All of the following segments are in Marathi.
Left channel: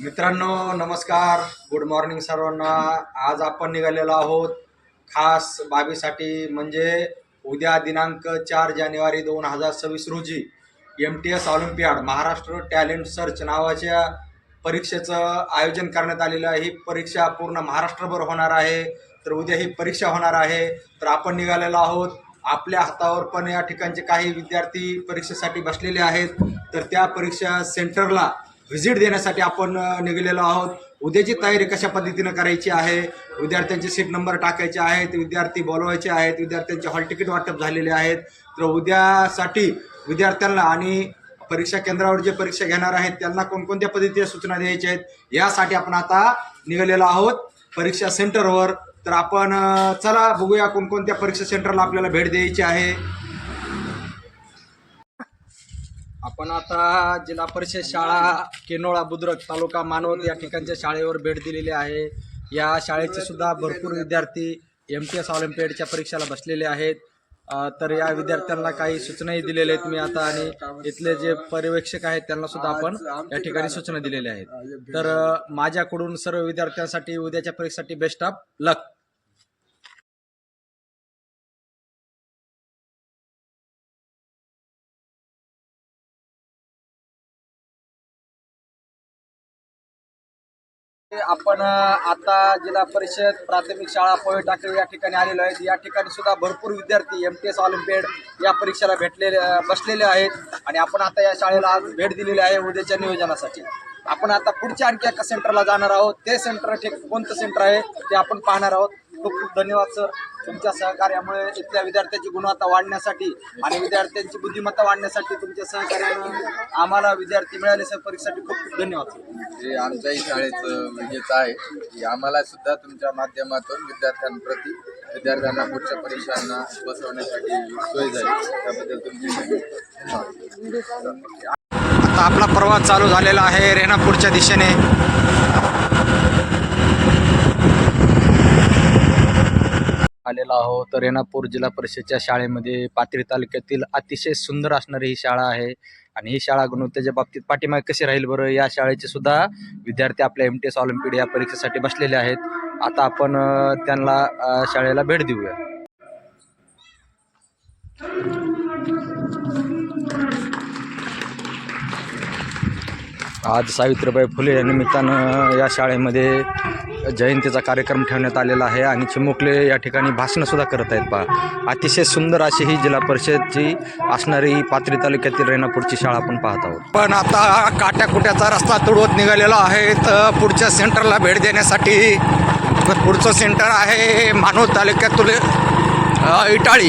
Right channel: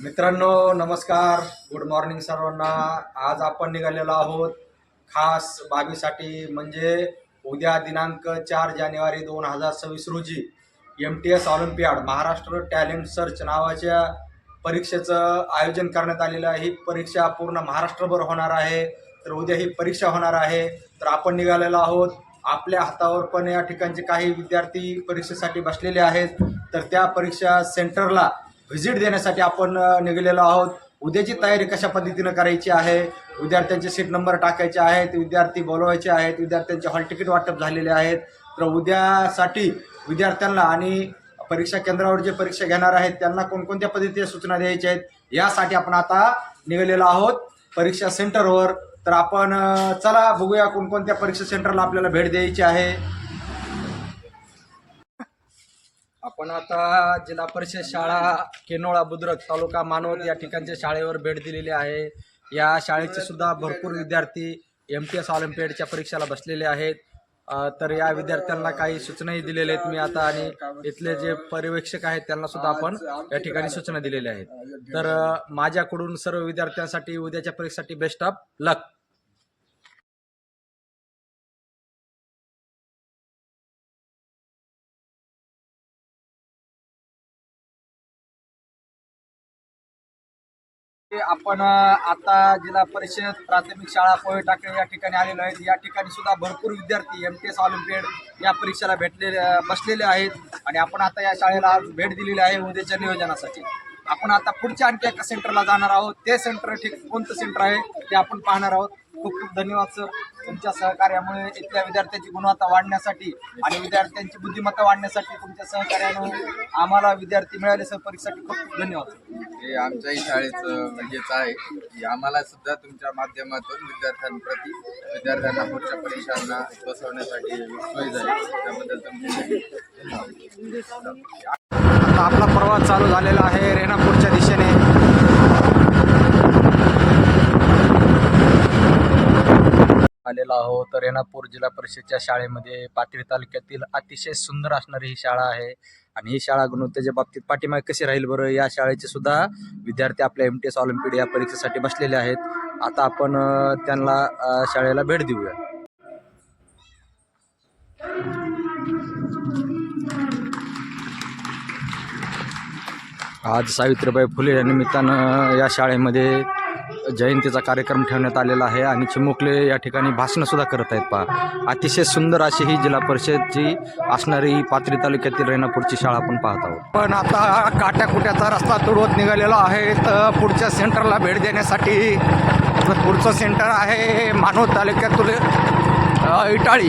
मित्रांनो नमस्कार, गुड मॉर्निंग सर्वांना। आज आपण निघालेलो आहोत खास बाबीसाठी, म्हणजे उद्या दिनांक 4 जानेवारी 2026 रोजी MTS Olympiad Maharashtra talent search नावाच्या परीक्षेचं आयोजन करण्यात आलेलं आहे। ही परीक्षा पूर्ण महाराष्ट्रभर होणार आहे। तर उद्या ही परीक्षा होणार आहे, तर आपण निघालेलो आहोत। आपल्या हातावर पण या ठिकाणचे काही विद्यार्थी परीक्षेसाठी बसलेले आहेत, तर त्या परीक्षा सेंटरला व्हिजिट देण्यासाठी आपण निघालेलो आहोत। उद्याची तयारी कशा पद्धतीनं करायची आहे, विद्यार्थ्यांचे सीट नंबर टाकायचे आहेत, विद्यार्थी बोलवायचे आहेत, विद्यार्थ्यांचे हॉल तिकीट वाटप झालेले आहेत। तर उद्यासाठी विद्यार्थ्यांना आणि परीक्षा केंद्रावर जे परीक्षा घेणार आहेत त्यांना कोणकोणत्या पद्धतीच्या सूचना द्यायच्या आहेत, यासाठी आपण आता निघालेलो आहोत परीक्षा सेंटरवर। तर आपण चला बघूया कोणकोणत्या परीक्षा सेंटरला आपल्याला भेट द्यायची आहे। आपण आता जिल्हा परिषद शाळा केनोळा बुद्रुक तालुका मानवत या ठिकाणच्या शाळेवर भेट दिलेली आहे। या शाळेचे सुद्धा भरपूर विद्यार्थी MTS ऑलिम्पियाडच्या परीक्षेला बसलेले आहेत। तर या विद्यार्थ्यांना काही सूचनाही दिलेल्या आहेत मी आता, आणि इथले जे पर्यवेक्षक आहेत त्यांना सुद्धा आपण या ठिकाणी सूचना दिलेल्या आहेत। तर माझ्याकडून सर्व विद्यार्थ्यांसाठी उद्याच्या परीक्षेसाठी बेस्ट ऑफ लक। आपण आता जिल्हा परिषद प्राथमिक शाळा पोहे टाकळी या ठिकाणी आलेलो आहे। या ठिकाणी सुद्धा भरपूर विद्यार्थी MTS ऑलिम्पियाड या परीक्षेला बसलेले आहेत, आणि आपण आता या शाळेला आज भेट दिलेली आहे उद्याच्या नियोजनासाठी। आपण आता पुढच्या आणखी एका सेंटरला जाणार आहोत। ते सेंटर कोणतं सेंटर आहे ते आपण पाहणार आहोत। खूप खूप धन्यवाद सर, तुमच्या सहकार्यामुळे इथल्या विद्यार्थ्यांची गुणवत्ता वाढण्यासाठी आणि विद्यार्थ्यांची बुद्धिमत्ता वाढण्यासाठी तुमच्या सहकार्यानं आम्हाला विद्यार्थी मिळाले सर। परीक्षेसाठी खूप खूप धन्यवाद सर। हे आमच्याही शाळेचं हेच आहे की आम्हाला सुद्धा तुमच्या माध्यमातून विद्यार्थ्यांना पुढच्या परीक्षांना बसवण्यासाठी सोय झाली, त्याबद्दल तुमचे आता आपला प्रवास चालू झालेला आहे रेणापूरच्या दिशेने। आलेला आहोत रेणापूर जिल्हा परिषदच्या शाळेमध्ये। पाथरी तालुक्यातील अतिशय सुंदर असणारी ही शाळा आहे, आणि ही शाळा गुणवत्तेच्या बाबतीत पाठीमागे कशी राहील बरं, या शाळेचे सुद्धा विद्यार्थी आपल्या MTS ऑलिम्पियाड या परीक्षेसाठी बसलेले आहेत। आता आपण त्यांना शाळेला भेट देऊया। आज सावित्रीबाई फुले या निमित्तानं या शाळेमध्ये जयंतीचा कार्यक्रम ठेवण्यात आलेला आहे, आणि चिमुकले या ठिकाणी भाषण सुद्धा करत आहेत। पहा, अतिशय सुंदर अशी ही जिल्हा परिषदची असणारी पाथरी तालुक्यातील रेणापूरची शाळा आपण पाहत आहोत। पण आता काट्याकुट्याचा रस्ता तुडवत निघालेला आहे तर पुढच्या सेंटरला भेट देण्यासाठी। पुढचं सेंटर आहे मानवत तालुक्यातील इटाळी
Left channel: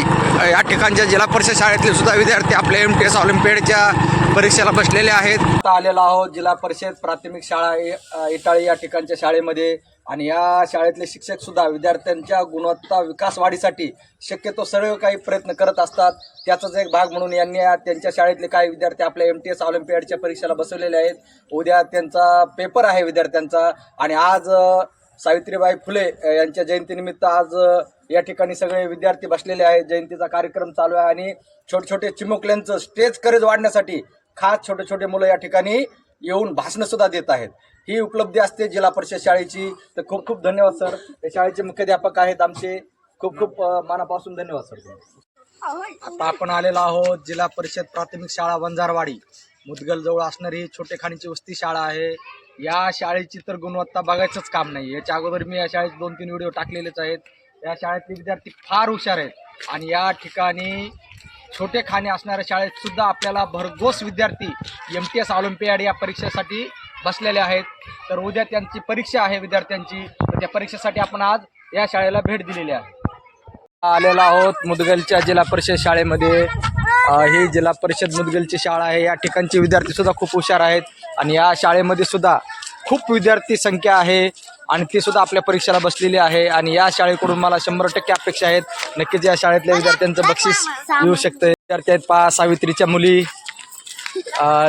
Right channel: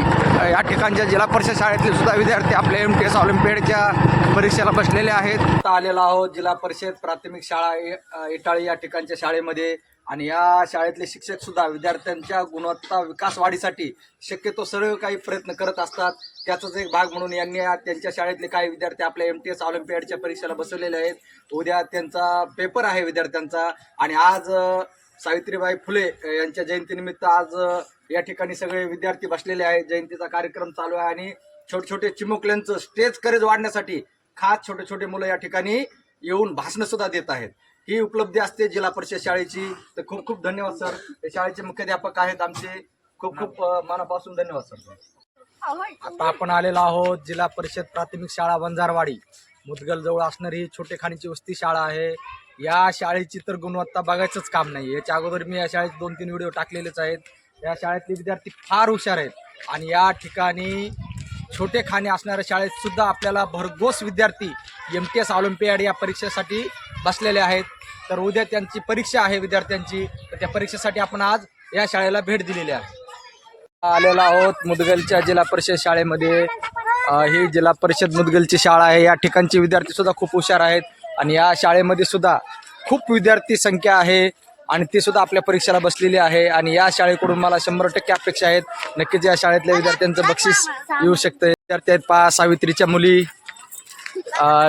या ठिकाणच्या जिल्हा परिषद शाळेतले सुद्धा विद्यार्थी आपल्या MTS ऑलिम्पियाडच्या परीक्षेला बसलेले आहेत। आता आलेलो आहोत जिल्हा परिषद प्राथमिक शाळा इटाळी या ठिकाणच्या शाळेमध्ये, आणि या शाळेतले शिक्षक सुद्धा विद्यार्थ्यांच्या गुणवत्ता विकास वाढीसाठी शक्यतो सर्व काही प्रयत्न करत असतात। त्याचाच एक भाग म्हणून यांनी त्यांच्या शाळेतले काही विद्यार्थी आपल्या MTS ऑलिम्पियाडच्या परीक्षेला बसवलेले आहेत। उद्या त्यांचा पेपर आहे विद्यार्थ्यांचा, आणि आज सावित्रीबाई फुले यांच्या जयंतीनिमित्त आज या ठिकाणी सगळे विद्यार्थी बसलेले आहेत। जयंतीचा कार्यक्रम चालू आहे, आणि छोटे छोटे चिमुकल्यांचं स्टेज करेज वाढण्यासाठी खास छोटे छोटे मुलं या ठिकाणी येऊन भाषणं सुद्धा देत आहेत। ही उपलब्धी असते जिल्हा परिषद शाळेची। तर खूप खूप धन्यवाद सर। हे शाळेचे मुख्याध्यापक आहेत आमचे, खूप खूप मनापासून धन्यवाद सर। आता आपण आलेलो आहोत जिल्हा परिषद प्राथमिक शाळा वंजारवाडी मुदगल जवळ असणारी छोटेखानीची वस्ती शाळा आहे। या शाळेची तर गुणवत्ता बघायचंच काम नाही। याच्या अगोदर मी या शाळेत 2-3 व्हिडिओ टाकलेलेच आहेत। या शाळेतले विद्यार्थी फार हुशार आहेत, आणि या ठिकाणी छोटे खाणे असणाऱ्या शाळेत सुद्धा आपल्याला भरघोस विद्यार्थी MTS ऑलिम्पियाड या परीक्षेसाठी बसलेले आहेत। तर उद्या त्यांची परीक्षा आहे विद्यार्थ्यांची, तर त्या परीक्षेसाठी आपण आज या शाळेला भेट दिलेली आहे। आलेलो आहोत मुदगलच्या जिल्हा परिषद शाळेमध्ये। ही जिल्हा परिषद मुदगलची शाळा आहे। या ठिकाणचे विद्यार्थी सुद्धा खूप हुशार आहेत, आणि या शाळेमध्ये सुद्धा खूप विद्यार्थी संख्या आहे, आणि ती सुद्धा आपल्या परीक्षेला बसलेली आहे। आणि या शाळेकडून मला 100% अपेक्षा आहेत, नक्कीच या शाळेतल्या विद्यार्थ्यांचं बक्षीस येऊ शकतं। विद्यार्थी आहेत पहा, सावित्रीच्या मुली,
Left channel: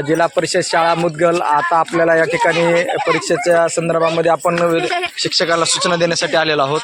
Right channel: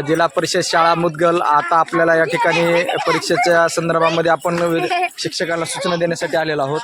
जिल्हा परिषद शाळा मुदगल। आता आपल्याला या ठिकाणी परीक्षेच्या संदर्भामध्ये आपण शिक्षकाला सूचना देण्यासाठी आलेलो आहोत।